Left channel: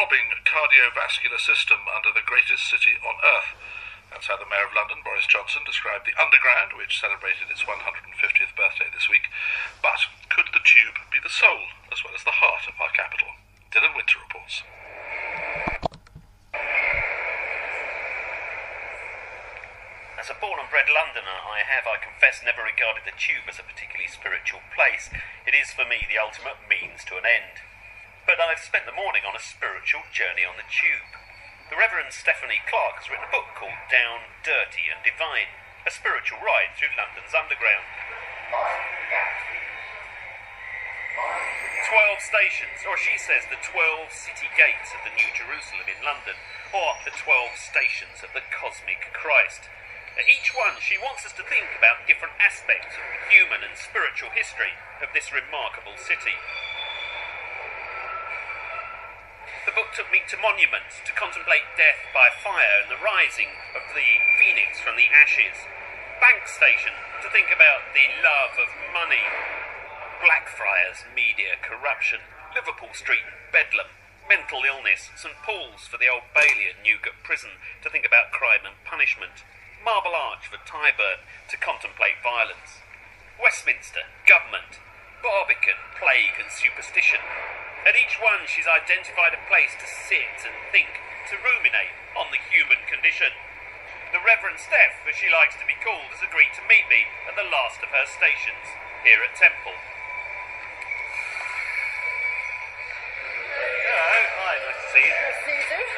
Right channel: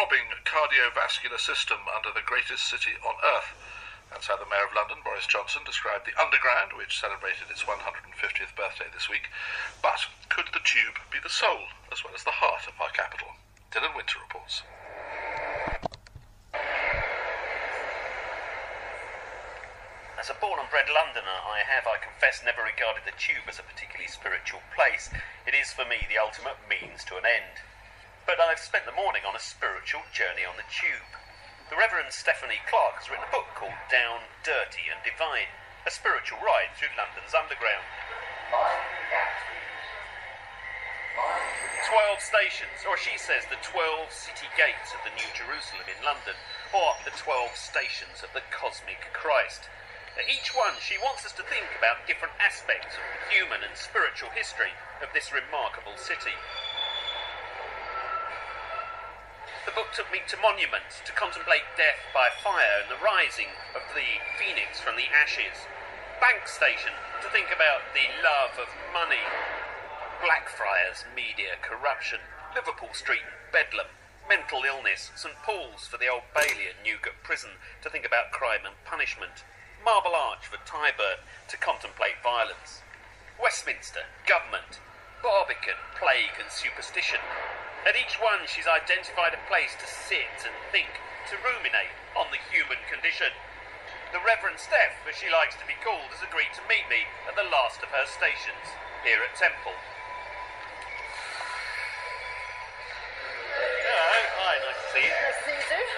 throbbing cardiovascular system under the greatest city on earth. That's how the Mayor of London, Boris Johnson, described the Underground, which celebrated its 150th birthday this week. But could the tube be the soul as well as the heart of our capital? Dylan Winter reports. As a born and bred Londoner, I confess, never regarded the tube as a particularly spiritual place. It is, for me, the ultimate means to an end. But I've spent the morning on a spiritual journey on the tube. The Reverend Clarke has written a book called Down, Dirty and Divine, a spiritual ride through London's Underground. 12 stations, or she says the 12 city gates of the New Jerusalem in London, or the 12 stations of the cosmic Christ. At each one, she wants us to think about different aspects of the human and spiritual history of this remarkable city. The book took me to monuments to contemplate death by fire and the rising of the phoenix from the ashes. Bank station to think about the love of money. Blackfriars, media, corruption. Liverpool Street, Bedlam. Mental illness. St Paul's for the Old Bailey and Newgate Prison to think about crime and punishment. Marble Arch for Tyburn to contemplate violence. Westminster, government. Barbican, plague and superstition. At each one, she's identified a place to sit and think, to ruminate on the human condition. The Reverend Steph, as she likes to be called, has agreed to meet me at the last of her stations, here at Temple. Hello, hi, nice to see you. Nice to see you too.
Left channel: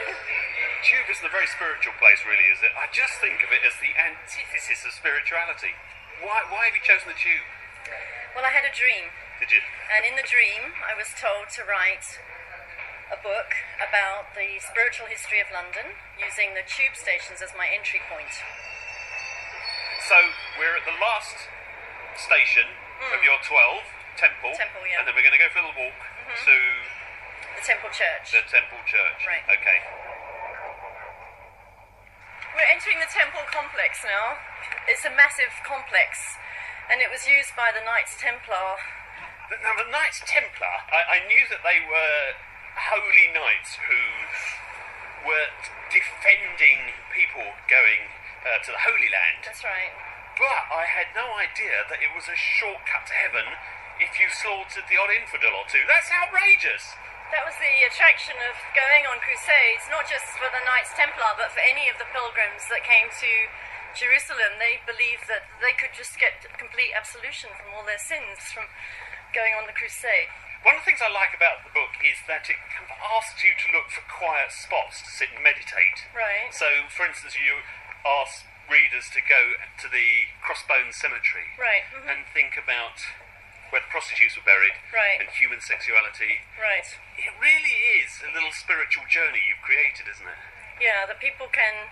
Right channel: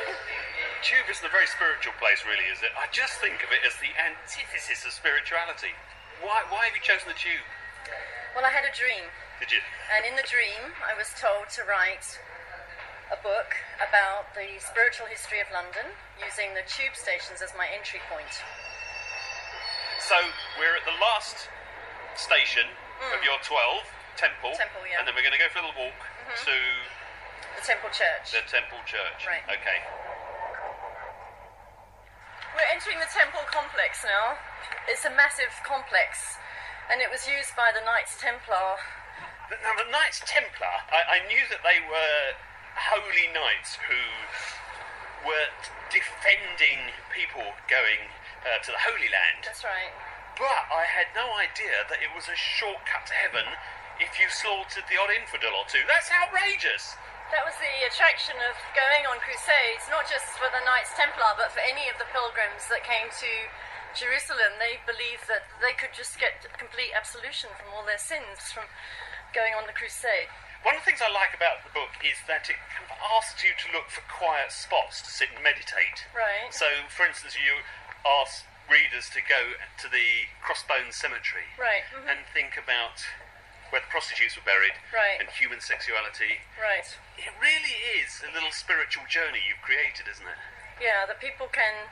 Tube isn't a very spiritual place, really, is it? I just think of it as the antithesis of spirituality. Why have you chosen the tube? Well, I had a dream. Did you? And in the dream, I was told to write a book about the spiritual history of London, using the tube stations as my entry point. So, we're at the last station of your 12, Temple. Temple, yeah. And then we're going to go for a little walk to... The Temple Church. The Temple Church. Right. Okay. We're entering the Temple complex now. It's a massive complex, and it was used by the Knights Templar. Now, the Knights Templar, I knew that they were holy knights who were defending people going to the Holy Land. That's right. But I had no idea that it was a shortcut to heaven if you slaughtered the odd infidel or two. That's outrageous. That was the attraction of going on crusades, not just for the Knights Templar, but for any of the pilgrims that came to Jerusalem. They believed that they could just get complete absolution from all their sins from going on the crusade. One of the things I like about the book is that it kind of asks you to look for quiet spots to sit and meditate. Right. So, for instance, you ask readers to go to the Crossbones Cemetery. Right. And think about where the prostitutes were buried. Right. And human sexuality. Right. It really is a little spiritual journey you've created, isn't it? Yeah, that people can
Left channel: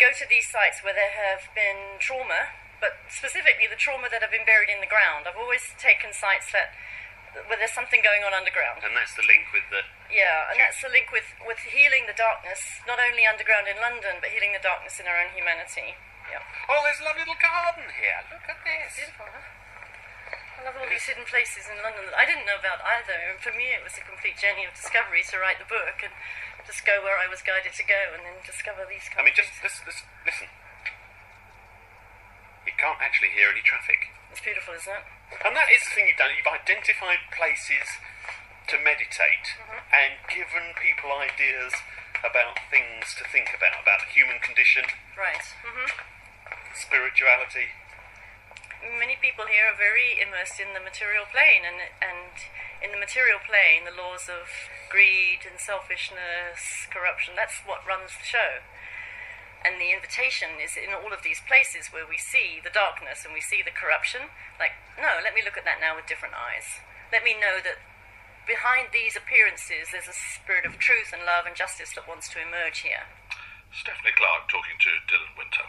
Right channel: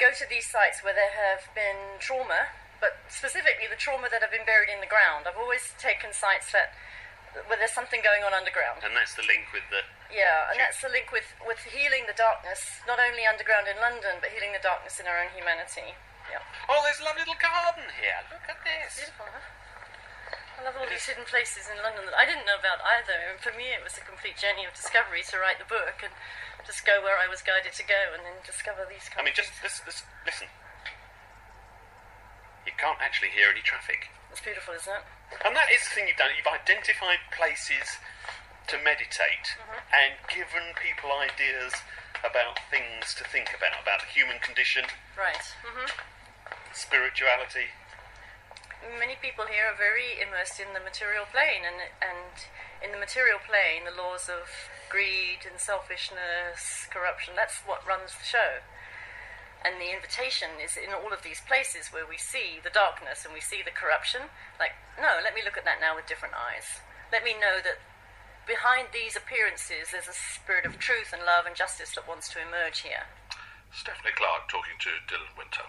go to these sites where there have been trauma, but specifically the trauma that have been buried in the ground. I've always taken sites where there's something going on underground. And that's the link with the... Yeah, and that's the link with healing the darkness, not only underground in London, but healing the darkness in our own humanity. Yeah. Oh, there's a lovely little garden here. Look at this. Beautiful, huh? I love all these hidden places in London that I didn't know about either. And for me, it was a complete journey of discovery to write the book and just go where I was guided to go and then discover these kinds of things. Listen. You can't actually hear any traffic. It's beautiful, isn't it? And that is the thing you've done. You've identified places to meditate and given people ideas about things to think about the human condition. Right. Spirituality. Many people here are very immersed in the material plane, and in the material plane, the laws of greed and selfishness, corruption, that's what runs the show. And the invitation is in all of these places where we see the darkness and we see the corruption. Like, no, let me look at that now with different eyes. Let me know that behind these appearances there's a spirit of truth and love and justice that wants to emerge here. Stephanie Clarke talking to Dylan Winter.